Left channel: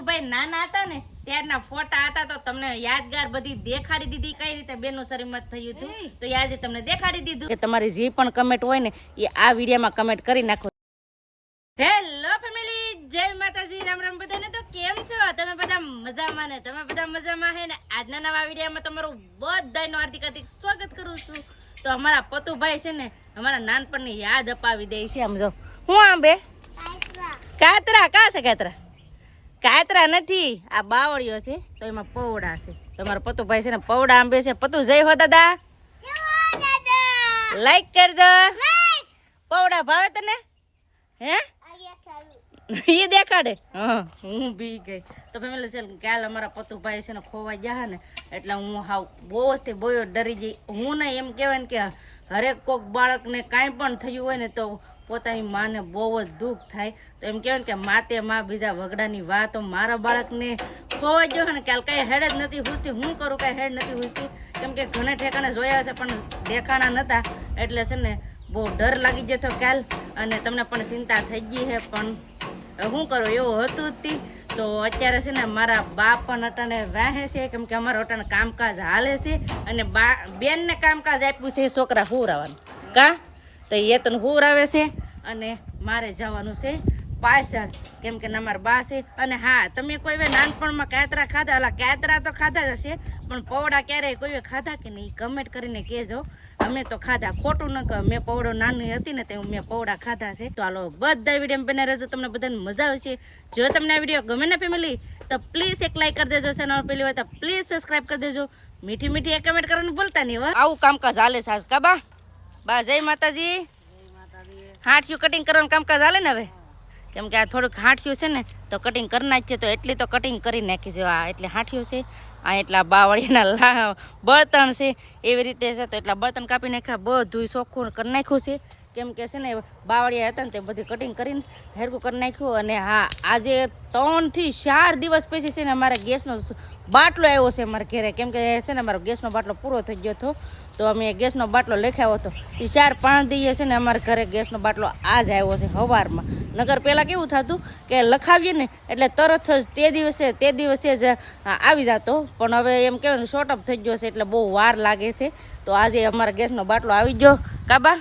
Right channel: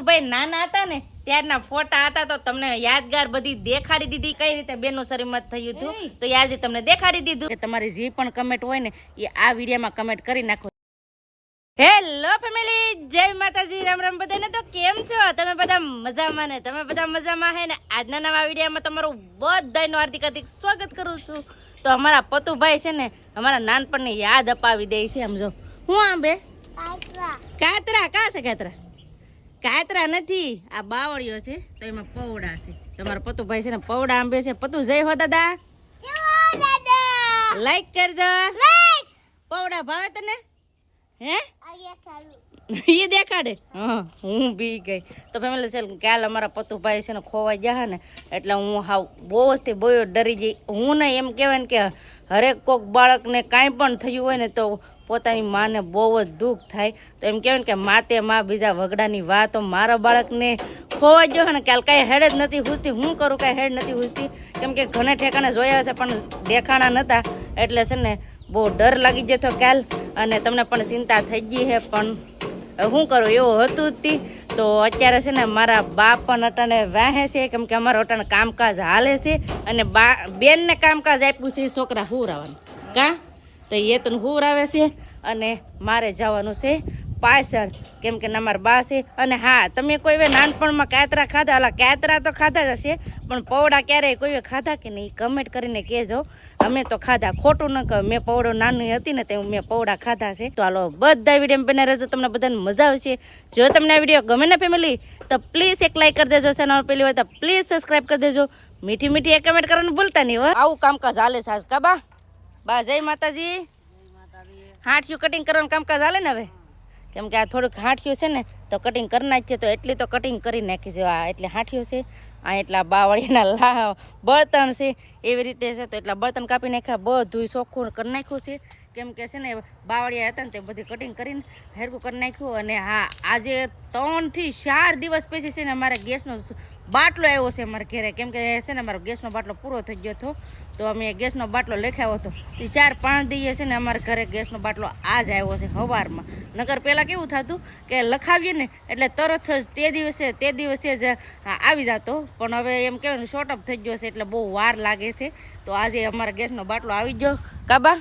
પતુભાઈ નાના હતા ને ત્યારના ફોટા હતા તો તમને યાદગાર બધી દેખાડી દીધી કઈ રીતે બેનનું શરીમત થયું હતું તો આજે તમને દેખાડી દીધું કે તમારી જે પણ કમેન્ટ હોય ને એ આ વિડીયોમાં કમેન્ટ કરી નાખો. હેલો ફેમિલી, જય માતાજી, રામ રામ બધાને. તો કેમ છો તમે બધા? મજામાં ને? તમે બધા મજામાં હે ને? આજના નવા વિડીયોમાં તમારું બધાનું હાર્દિક હાર્દિક સ્વાગત કરું છું. તો અમારા પતુભાઈ છે ને અમારા નાનપણની યાદ અપાવી દે છે. આમ જો હું આમ બે કાતરા કા છે? કાતરા નથી, આ બાવળીઓ છે તો એમાં પૌડા છે. તમારા પતુભાઈ છે ને પૌડા આંબે છે. પતુ જય હો દાદા, લાઈક કરજો. પૌડા ભાવે તને? હે એ દેખાડે. હા, હું બી ગઈ. તો ફેમિલી છે કાલ અમારા પતુભાઈ છે ને ખોવાઈ ગયા ને એટલે હું હાવ બહુ જ ડરી ગઈ. હું ને એમ કહેવાય ને કે હરેક કોક બાળકને કાંઈ પણ થયું હોય ને તો પોતાની માને બહુ જ દુઃખ થાય. તો એમ કહેવાય ને કે માતે માં બીજા વગડાની વાત. તો મારા બાળકને ખોવાઈ ગયો ને કાલ કાંઈ હેડ જ નથી પૂછતી. હું કરું કાંઈ હેડ નથી પૂછતી કેમ કે ઘણે ઠેકાણે જોયા હતા પણ દેખાણા નહોતા એટલે છે ને બહુ ડર લાગી ગયો હતો કાલ. અને તમને પણ ચિંતા થઈ ગઈ છે પણ શું કરું, એવું હતું જ. તો અત્યારે છે ને મારા બા પણ અટાણે વાહે છે કેમ કે અમારો અટાણે કામકાજ હાલે છે અને બેનને કામકાજ આપ્યું છે છોકરા હુરાવાનું કા તો એ તો હુરાવે છે અને મારે જવાનું છે પાછળ કેમ કે અમારા બા છે. અને હા, તમે કોઈ વે નાનપણમાં કાતરા ખાધા? અલા કાતરા તો ખાધા જ હશે પણ પૌડા ક્યારેય કોઈ વે ખાધા કે નહીં? કમેન્ટ કરીને કહેજો. અમે તો ખાધા, ખોટું ન કહો. મેં પૌડો નાની હતી ને તે મેં પૌડા ખાધા છે. તો હાલો બધા વિડીયો બને રહેજો, તમને બધાને મજા આવશે. જો તમને આ વિડીયો ગમે ને ફેમિલી તો પ્લીઝ એક લાઈક કરી દેજો. ચેનલ પહેલી વાર તો પ્લીઝ સબસ્ક્રાઈબ કરી દેજો. મીઠી મીઠી એક કમેન્ટ કરવાનું ભૂલતા નહીં. આવું કામકાજ હાલે સાસ કા બા? બા જય માતાજી. હાંઠિયું કટિંગ કરવાનું કામકાજ હાલે ને હવે કેમ કે આ થોડુંક હાંઠિયું છે ને તો કટિંગ કરી નાખીએ તો એટલી તો કટિંગ કરી નાખી છે. આ એટલે હાંઠિયું છે, આ એટલા બાવળીના બળતણ છે એવી રીતે છે. તો એટલા બળતણ કાપી નાખ્યા, બધું ચોખ્ખું કરી નાખ્યું છે કેમ કે છે ને બાવળિયા હતા ને તે બધી કટિંગ કરીને હેરકું કરી નાખ્યું. અને હા, આજે 3 થી 4 દિવસ પછી છે ને અમારે ગેસનો બાટલો આવ્યો છે અમારા ઘરે કેમ કે છે ને અમારો ગેસનો બાટલો પૂરો થઈ ગયો હતો તો અમે ગેસનો બાટલો લખાવ્યો હતો. એ 4-5 દિવસે છે ને અમારા ઘરે ગેસનો બાટલો આજ આવ્યો છે સવારમાં. નગર પહેલાં કેવું થતું કે લખાવીએ ને એટલે તરત જ તે દિવસે જ આવી જતો પણ હવે એમ કહેવાય ને શોર્ટ અપ થઈ ગયો છે એટલે બહુ વાર લાગે છે. તો આજે અમારા ગેસનો બાટલો આવી ગયો કાબા.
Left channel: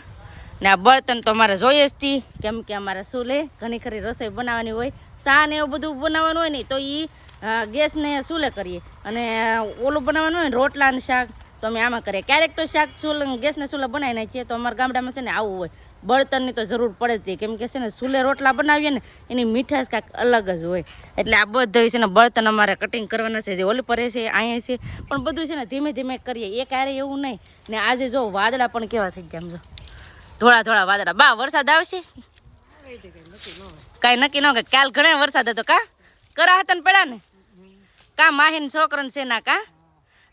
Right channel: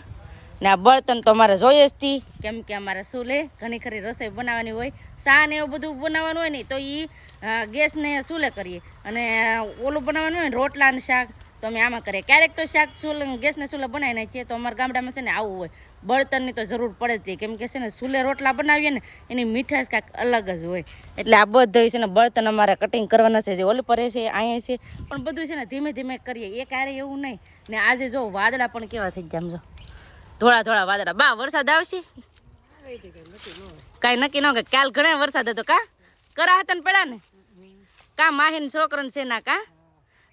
ને આ બળતણ તો અમારે જોઈએ જ હતી કેમ કે અમારે ચૂલે ઘણી ખરી રસોઈ બનાવવાની હોય, શા ને એવું બધું બનાવવાનું હોય ને તો એ ગેસને ચૂલે કરીએ અને ઓલું બનાવવાનું હોય ને રોટલા ને શાક તો અમે આમાં કરીએ. ક્યારેક તો શાક ગેસને ચૂલે બનાવી નાખીએ. તો અમારા ગામડામાં છે ને આવું હોય, બળતણની તો જરૂર પડે જ કેમ કે છે ને ચૂલે રોટલા બનાવીએ ને એની મીઠાશ કાંઈક અલગ જ હોય. એટલે આ બધું છે ને બળતણ અમારે કટિંગ કરવાના છે. જે ઓલી પર છે અહીંયા છે પણ બધું છે ને ધીમે ધીમે કરીએ, એક હારે એવું નહીં. ને આજે જો વાદળા પણ કેવા થઈ ગયા, સમજો થોડા વાદળા. બા વરસાદ આવશે કાંઈ નક્કી ન કે કાલ ઘણા વરસાદ હતો કા કરા હતા ને પડ્યા ને કા માહીન છોકરાને છે ના કા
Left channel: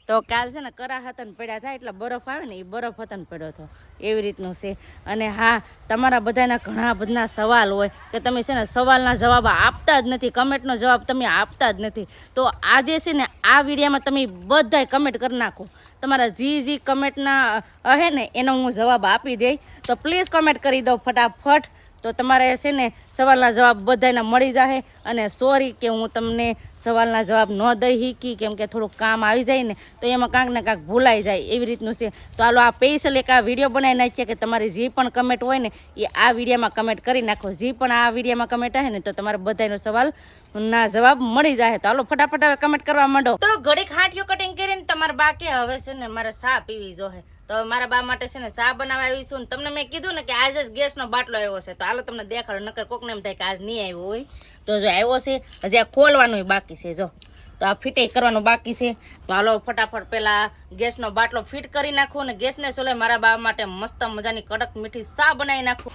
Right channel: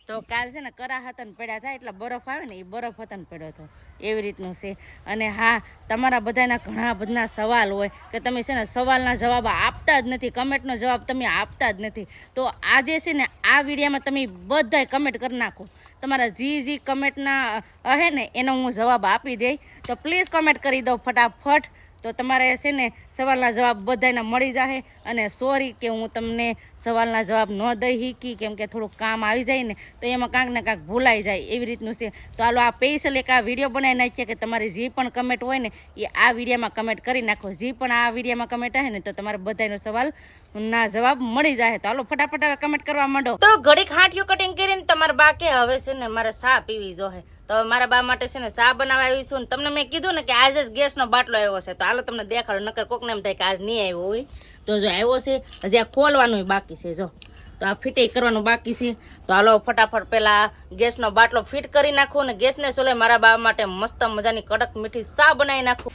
તો કાલ છે ને કરા હતા ને પડ્યા થાય એટલે બરફ આવે ને એ બરફ હતા ને પડ્યો હતો એવી રીતનું છે. અને હા, તમારા બધાના ઘણા બધા સવાલ હોય કે તમે છે ને સવાલના જવાબ આપતા જ નથી, કમેન્ટનો જવાબ તમે આપતા જ નથી. તો આજે છે ને આ વિડીયોમાં તમે બધાય કમેન્ટ કરી નાખો. તમારા જે કમેન્ટના હે ને એનો હું જવાબ આપી દઈ. તો પ્લીઝ કમેન્ટ કરી દો ફટાફટ. તો તમારે છે ને સવાલના જવાબ બધાને મળી જાય. અને સોરી કે હું તમને સવાલના જવાબ ન દઈ શીખી કેમ કે થોડુંક કામ આવી જાય ને તો એમાં કાંક ને કાંક ભૂલાઈ જાય એવી રીતનું છે. તો હાલો આ સ્પેશિયલ એક આ વિડીયો બનાવી નાખીએ કે તમારી જે પણ કમેન્ટ હોય ને એ આ વિડીયોમાં કમેન્ટ કરી નાખો. જે પણ આ વિડીયોમાં કમેન્ટ આવે ને તો તમારે બધાનો સવાલ ના જવાબ મળી જાય. તો હાલો ફટાફટ હવે કમેન્ટ કરવા માંડો. તો ઘડીક હાંઠિયું કટિંગ કરીને તમારા બા કે હવે છે ને મારે ચા પીવી જોઈએ. તો મારા બા માટે છે ને ચા બનાવવા આવી છું. ને તમને મેં કીધું ને કે આજે જ ગેસનો બાટલો આવ્યો છે તો હાલો તમને દેખાડો, નકર કોકને એમ થાય કે આજ નહીં આવ્યો હોય. તો જો આવ્યો છે, હજી આ ખોલવાનું બાકી છે. જો તો આ ફિટિંગ કરવાનું બાકી છે. તો હાલો ફટાફટ પહેલાં ગેસનો બાટલો ફિટ કરી નાખું ને ગેસને સોલે મારા બા માટે મસ્ત મજાની કડક મીઠી ચા બનાવી નાખું.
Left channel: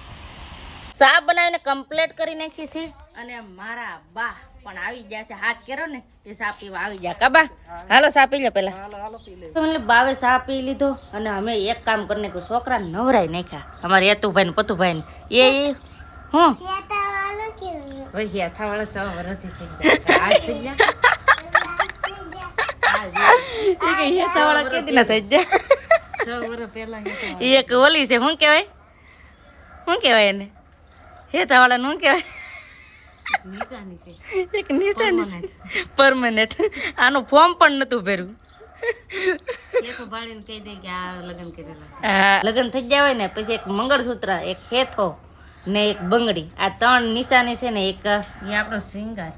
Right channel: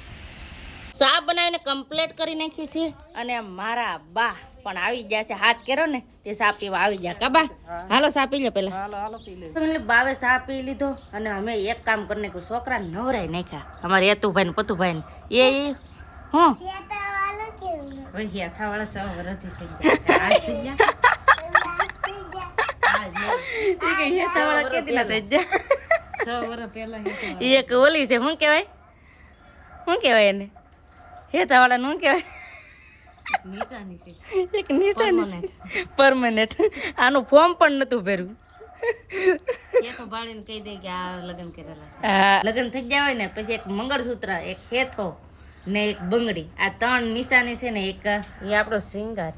ચા બનાવીને કમ્પ્લીટ કરી નાખી છે. અને મારા બા પણ આવી ગયા છે, હાથ કેરો ને તે ચા પીવા આવી ગયા કાબા. હાલો ચા પી લો પેલા. બાવે ચા પી લીધો અને અમે એક કામ કરી નાખ્યું, છોકરા નવરાઈ નાખ્યા અમારે યતુભાઈ ને પતુભાઈ ને એ હું એક ઓલી છે શું કેવાય એને હેતાવાળા નું કેવાય એક નિશાની છે પરમેનન્ટ. આનું ફોર્મ પણ નતું ભર્યું. લગ્ન થઈ ગયા હોય ને પછી એક મંગળસૂત્ર, એક હેથો ને એક બંગડી, આ 3 નિશાની છે ને. એક આપણો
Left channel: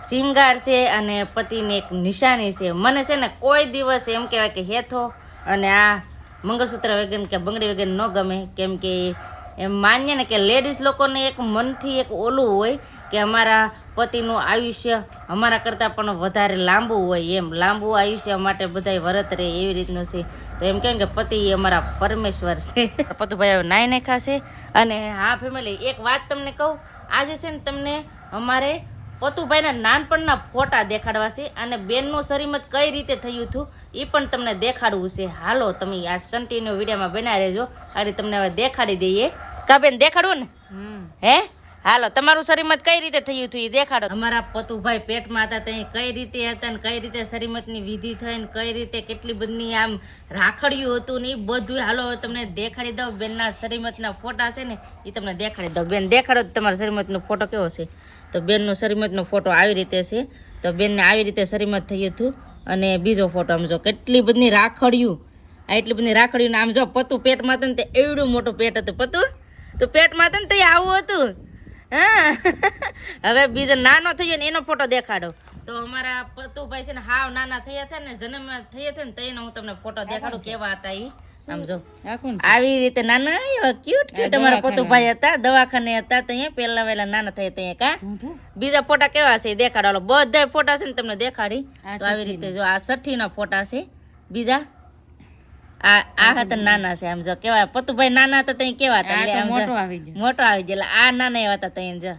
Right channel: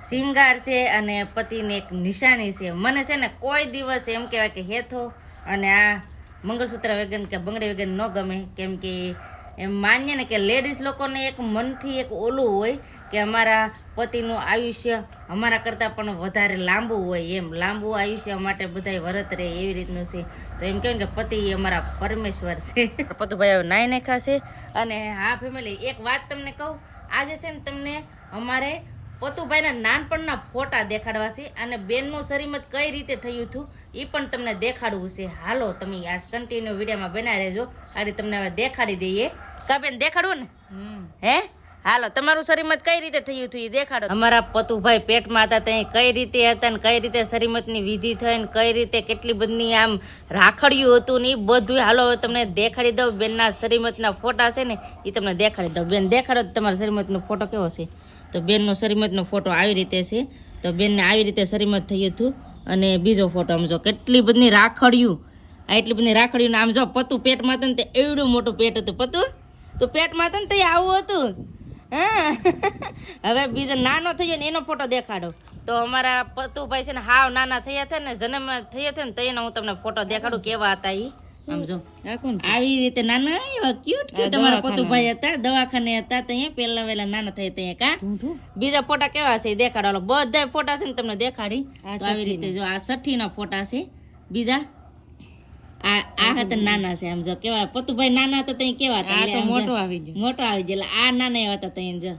શિંગાર છે અને પતિને એક નિશાની છે. મને છે ને કોઈ દિવસ એમ કહેવાય કે હેથો અને આ મંગળસૂત્ર વગર કે બંગડી વગર ન ગમે. કેમ કે એમ માનીએ ને કે લેડીઝ લોકોને એક મનથી એક ઓલું હોય કે અમારા પતિનું આયુષ્ય અમારા કરતાં પણ વધારે લાંબુ હોય. એમ લાંબુ આયુષ્ય માટે બધાય વરત રહે એવી રીતનું છે. તો એમ કેમ કે પતિ અમારા પરમેશ્વર છે. પતુભાઈ હવે નાઈ નાખાશે. અને હા ફેમિલી, એક વાત તમને કહું, આજે છે ને તમને અમારે પતુભાઈના નાનપણના ફોટા દેખાડવા છે અને બેનનું શરીમત કઈ રીતે થયું હતું એ પણ તમને દેખાડવું છે. હાલો તમે આ કન્ટિન્યુ વિડીયોમાં બનાવી રહેજો. આ રીતે તમને હવે દેખાડી દઈએ. કા બેન દેખાડવું ને? હે હાલો, તમારું શરીમત કઈ રીતે થયું હતું એ દેખાડો. અમારા પતુભાઈ પેટમાં હતા ત્યાં કઈ રીતે હતા ને કઈ રીતે શરીમતની વિધિ થઈ ને કઈ રીતે કેટલી બધી આમ રાખડ્યું હતું ને એ બધું. હાલો તમને દેખાડી દઉં. બેનના શરીમતના ફોટા છે ને એ તમને દેખાડી દઉં. બેન દેખાડો તમારા શરીમતનો ફોટો કેવો છે. તો બેનનો શરીમતનો ફોટો આવી રીતે છે. તો બેનને આવી રીતે શરીમત થયું હતું. અને બીજો ફોટો આમ જો કેટલી બધી રાખડ્યું, આ એટલી બધી રાખડ્યું. આમ જો પતુ પેટમાં હતું ને તે એવડું મોટું પેટ હતું. પતુ તો પેટમાં હતું ને તે આવું હતું. હા હવે બીજો નાનો થયો ને એનો ફોટો દેખાડો. તો અમારા પતુભાઈ છે ને હાવ નાના થયા હતા ને, જન્મ થયા હતા ને તેનો હું તમને ફોટો દેખાડું કેવા હતા એ. આમ જો આવી રીતે નાના એવા ક્યુટ અમારા પતુભાઈ હતા. દવાખાને હતા ત્યાં પેલા વેલા નાના થયા ત્યાં. કા બીજા ફોટા કેવા છે દેખાડો. બધા ફોટા છે ને તમને દેખાડી. તો આવી રીતે જો આ 60 ના ફોટા છે. બીજા આ હતા નાના છે. આમ જો કેવા પતુભાઈ નાના હતા ત્યાં કેવા હતા. મોટો આવી ગયો. આ નાના એવા હતા ત્યાં જો.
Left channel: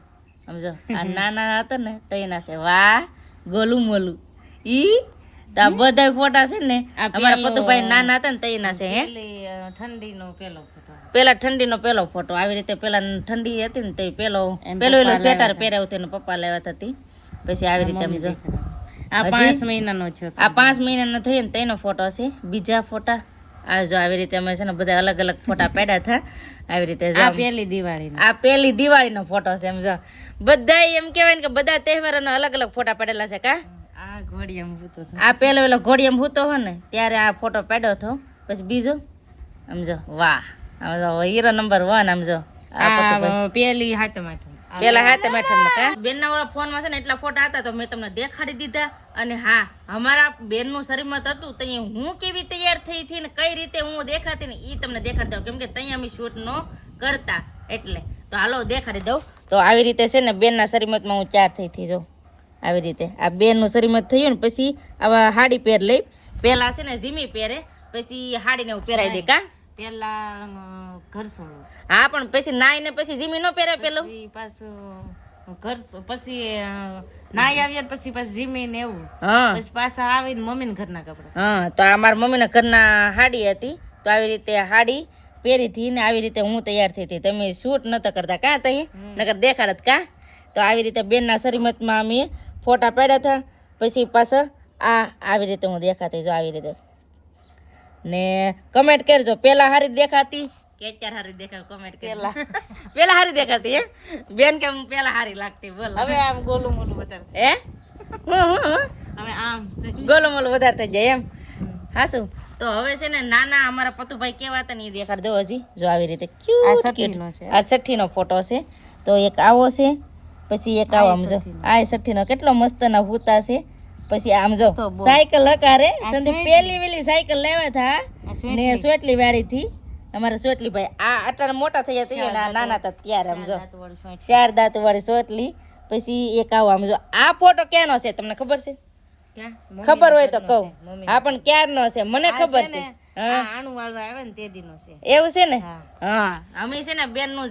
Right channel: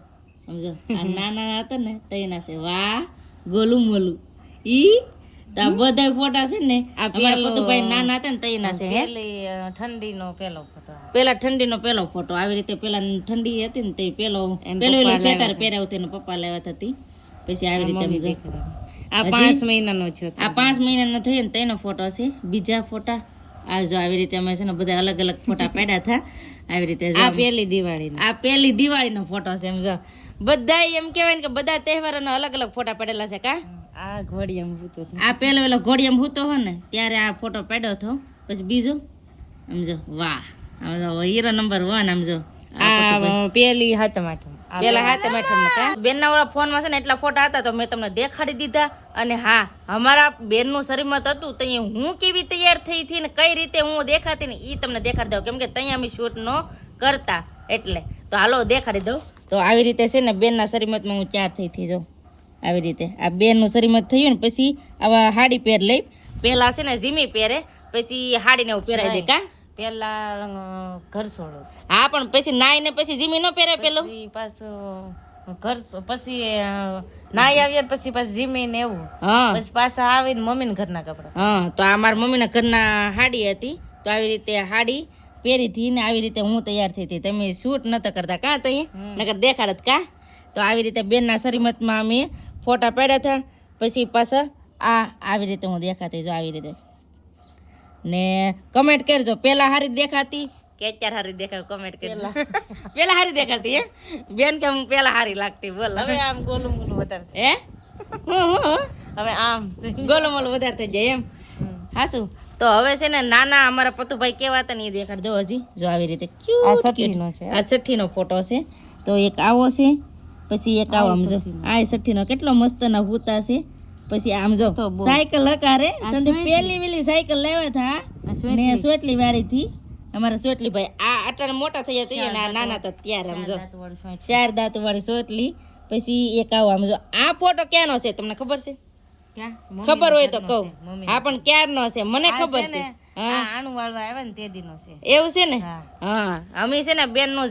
આમ જો આ નાના હતા ને તૈના છે. વાહ ગોલું મોલું ઈ. તો આ બધા ફોટા છે ને અમારા પતુભાઈ નાના હતા ને તૈના છે. હે ઠંડીનો ઠંડીનો પેલો ફોટો. આવી રીતે પેલા ઠંડી હતી ને તે પેલો સ્વેટર પહેરાવ્યું હતું પપ્પા લાવ્યા હતા. પછી આવી રીતે આમ જો આ 5 મહિનાનો છે. આ 5 મહિનાનો થયો ને તેનો ફોટો છે. બીજા ફોટા આ જો આવી રીતે અમે છે ને બધા અલગ અલગ ફોટા પાડ્યા હતા. આવી રીતે આ પહેલી દિવાળીનો ફોટો છે. એમ જો બધા એમ કહેવાય ને કે બધા તહેવારોનો અલગ અલગ ફોટા પાડેલા છે. કા આ ઘોડિયામાં હૂતો હતો. આ પેલો ઘોડિયામાં હૂતો હો ને ત્યારે આ ફોટો પાડ્યો હતો. પછી બીજો આમ જો વાહ આમ જો હીરો નંબર 1. આમ જો આ પેલી હાથમ બેનના વાળા ફોનમાં છે ને એટલા ફોટા હતા તો મેં તમને દેખાડી દીધા. અને હા અમારા બેનનું શરીમત હતું તો હું કેવી તૈયાર થઈ હતી ને કઈ રીતે હું દેખાતી ને એ તમને દેખાડી દઉં. કેમ કે ત્યાં અમે શૂટ ન કરતા એટલે. તો હાલો દેખાડી દઉં. તો આવી રીતે છે ને બેનના શરીમતમાં હું તૈયાર થઈ હતી. જો આવી રીતે આ બેનનું શરીમત થયું ને પછી આવા હાડી પહેર લઈ. પહેલા છે ને ઝીમી પહેરે પછી હાડીને એવું પહેરાવી દે. કા પેલા ઘર છોડો. હા પણ પછી નાઈ ને પછી જીમી નો પહેરે. પેલું પાછું ઘર પછી નાઈ આવ્યા પછી જીમી ને એવું. હા પછી પાછા આવીને મમ્મી ને ઘરના કપડા. હા તો આ મારા મમ્મી ના ઘરના હાડી હતી. તો આવી રીતે હાડી પહેરી હતી ને આવી રીતે હું તૈયાર થઈ હતી. તમે શૂટ નતા કરતા કા તઈ નકર દેખાડત. કા તો આવી રીતે બેનના શરીમતમાં અમે ફોટા પાડ્યા હતા. પછી પાછા આવી રીતે હું દેખાતી. જો આવી રીતે ને કમેન્ટ કરજો પેલા હારી દેખાતી કે અત્યારે હારી દેખાય. કમેન્ટ કરજો. પેલા હારી દેખાતી હે બેન કે હું પેલા હારી લાગતી. બોલ હવે આમ ગોલું મોલું વધારે. હે હવે આમ ગોલું મોલું વધારે થઈ જાય એમ. હાસું તો હવે છે ને નાના અમારા પતુભાઈ કેવા હતા ને એ દેખાડ દો. હજી જો આવી રીતે આ 60 નો ફોટો છે. તો એક આવો છે પછી એક આવો. આમ જો આ 60 નો કેટલો મસ્ત ના હૂતા છે. પછી આમ જો સાયકલ હકારે સંદીપ પેલી વેલી સાયકલ લાવ્યા હતા ને સોટલી વાળી થી અમારા સોટલી ભાઈ. આ આટલા મોટા થયા હતા ને આ નાના હતા ત્યારે. આમ જો 4 દાંત વાળી સોટલી. પછી એક આવો. આમ જો આ ફોટો ક્યાંનો છે તમને ખબર છે? ખબર હોય તો કહું. હા પણ ક્યારનો છે મને ખબર છે. આણું વાળવા આવે ને તે દીનો છે. એવું છે ને? હા અમે છે ને બેન નું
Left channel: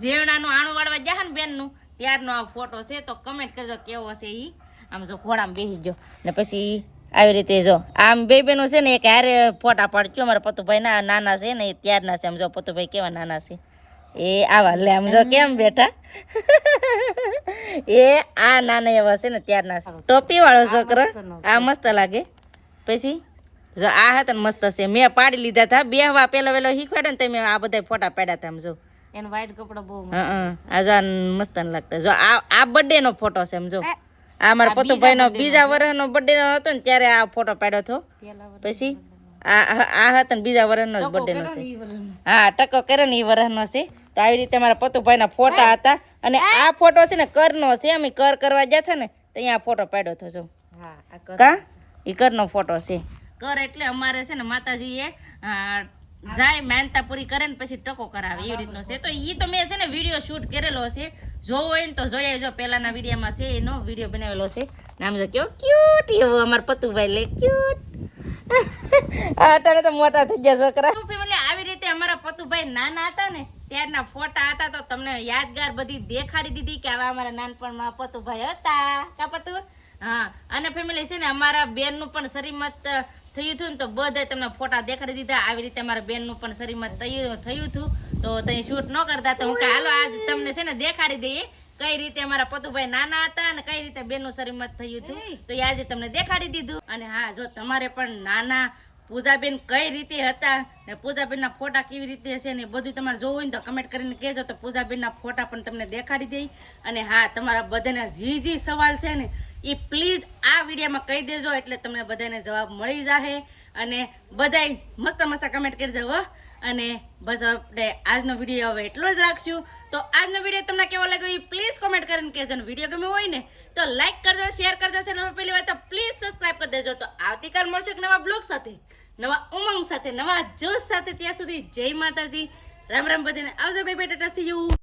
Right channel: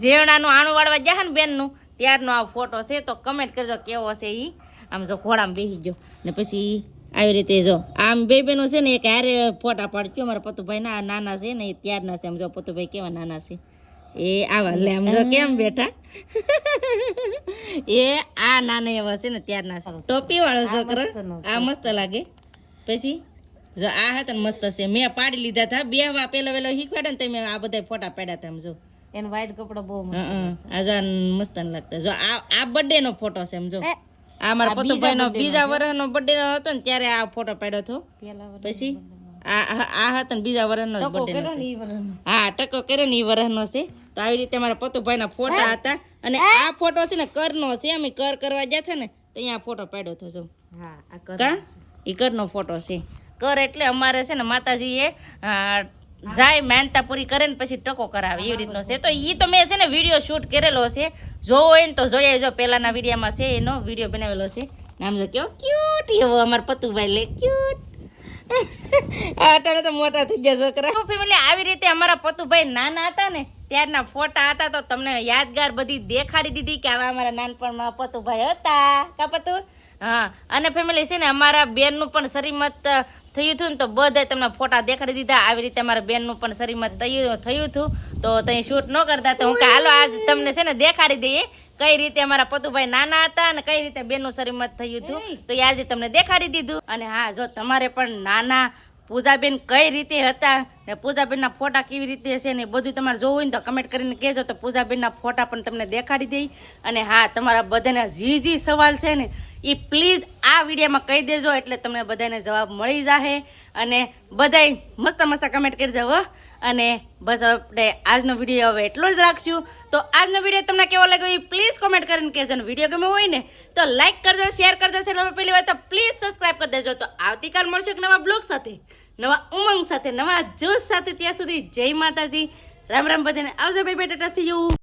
ઝેવણાનું આણું વાળવા ગયા ને બેન નું ત્યારનો આ ફોટો છે. તો કમેન્ટ કરજો કેવો છે ઈ. આમ જો ઘોડામાં બેસી ગયો ને પછી આવી રીતે જો આમ બે બેનો છે ને એક હારે ફોટા પાડજો. અમારા પતુભાઈ ના નાના છે ને એ ત્યારના છે. આમ જો પતુભાઈ કેવા નાના છે એ આવા. લે આમ જો કેમ બેઠા એ આ નાના એવા છે ને ત્યારના છે. ટોપી વાળો છોકરો આ મસ્ત લાગે. પછી જો આ હતા ને મસ્ત છે. મેં પાડી લીધા હતા બેહવા પેલો વેલો શીખવાડે ને તમે આ બધા ફોટા પાડ્યા હતા. આમ જો એને વ્હાઈટ કપડા બહુ આ મસ્ત લાગતા. જો આ બર્થડે નો ફોટો છે સમજો. આ મારા પતુભાઈ નો બીજા વર્ષનો બર્થડે હતો ને ત્યારે આ ફોટો પાડ્યો હતો. પછી આ હતા ને બીજા વર્ષનો બર્થડે નો છે. હા ટકો કર્યો ને એ વર્ષનો છે. તો આવી રીતે મારા પતુભાઈ ના ફોટા હતા. અને આ ફોટો છે ને કરનો છે. અમે કર કરવા ગયા હતા ને તો અહીંયા ફોટો પાડ્યો હતો. જો કા ઈ કરનો ફોટો છે. કર એટલે અમારે છે ને માતાજી એ જાય માનતા પૂરી કરે ને પછી ટકો કરાવે એવી રીતનો છે. તો ઈ તો મેં છે ને વિડીયો શૂટ કરેલો છે. જોવો હોય ને તો જોઈએ. જો પેલાના વિડીયોમાં છે એનો વિડીયો બનાવેલો છે. નામ જો કેવો ક્યુટ એવો અમારા પતુભાઈ લે ક્યુટ. અટાણે તો મોટા થઈ ગયા છોકરા. ફેમિલી આવી રીતે અમારા પતુભાઈ નાના હતા ને ત્યારના ફોટા હતા. તો તમને યાદગાર બધી દેખાડી દીધી કે આવા અમારા નાનપણમાં પતુભાઈ હતા. કા પતુ? હા. અને ફેમિલી છે ને અમારા બેનનું પણ શરીમત થયું હતું ને તો બધા તમને ફોટા દેખાડી દીધા. આવી રીતે અમારા બેનનું પણ શરીમત થયું હતું. તો ત્યાં શૂટ ન કરતા તો હું કે હાલો આજ તમને છે ને દેખાડી દઈએ કઈ રીતે અમારા પતુભાઈ નાના હતા અને કઈ રીતે બેનનું શરીમત થયું હતું. તો એ આજે તમને દેખાડી દીધું. અને હા જો તમારે પણ નાના પૂજાબેન કઈ રીતે હતા ને પૂજાબેનના ફોટા કેવી રીતે છે ને બધું તમારે જોવું હોય ને તો કમેન્ટ કરીને કહેજો. તો પૂજાબેનના ફોટા પણ તમને દેખાડી દઈ. અને હા તમારા બધાના જી સવાલ છે ને એ પ્લીઝ આ વિડીયોમાં કહી દેજો એટલે તમને બધાને જવાબ મળી જશે. અને બધાય મસ્ત મસ્ત કમેન્ટ કરજો હો. અને બસ આપણે આજનો વિડીયો હવે એટલો જ રાખશું. તો આજનો વિડીયો તમને કેવો લાગ્યો એ પ્લીઝ કોમેન્ટ કરીને કહેજો. ને વિડીયો ગમે હોય ને તો લાઈક કરજો, શેર કરજો. ચેનલમાં પહેલી વાર તો પ્લીઝ સબસ્ક્રાઈબ કરી દેજો. તો આવતીકાલ મળશું એક નવા બ્લોગ સાથે, નવા ઉમંગ સાથે, નવા જોશ સાથે. ત્યાં સુધી જય માતાજી, રામ રામ બધાને. આવજો bye bye, Tata C you.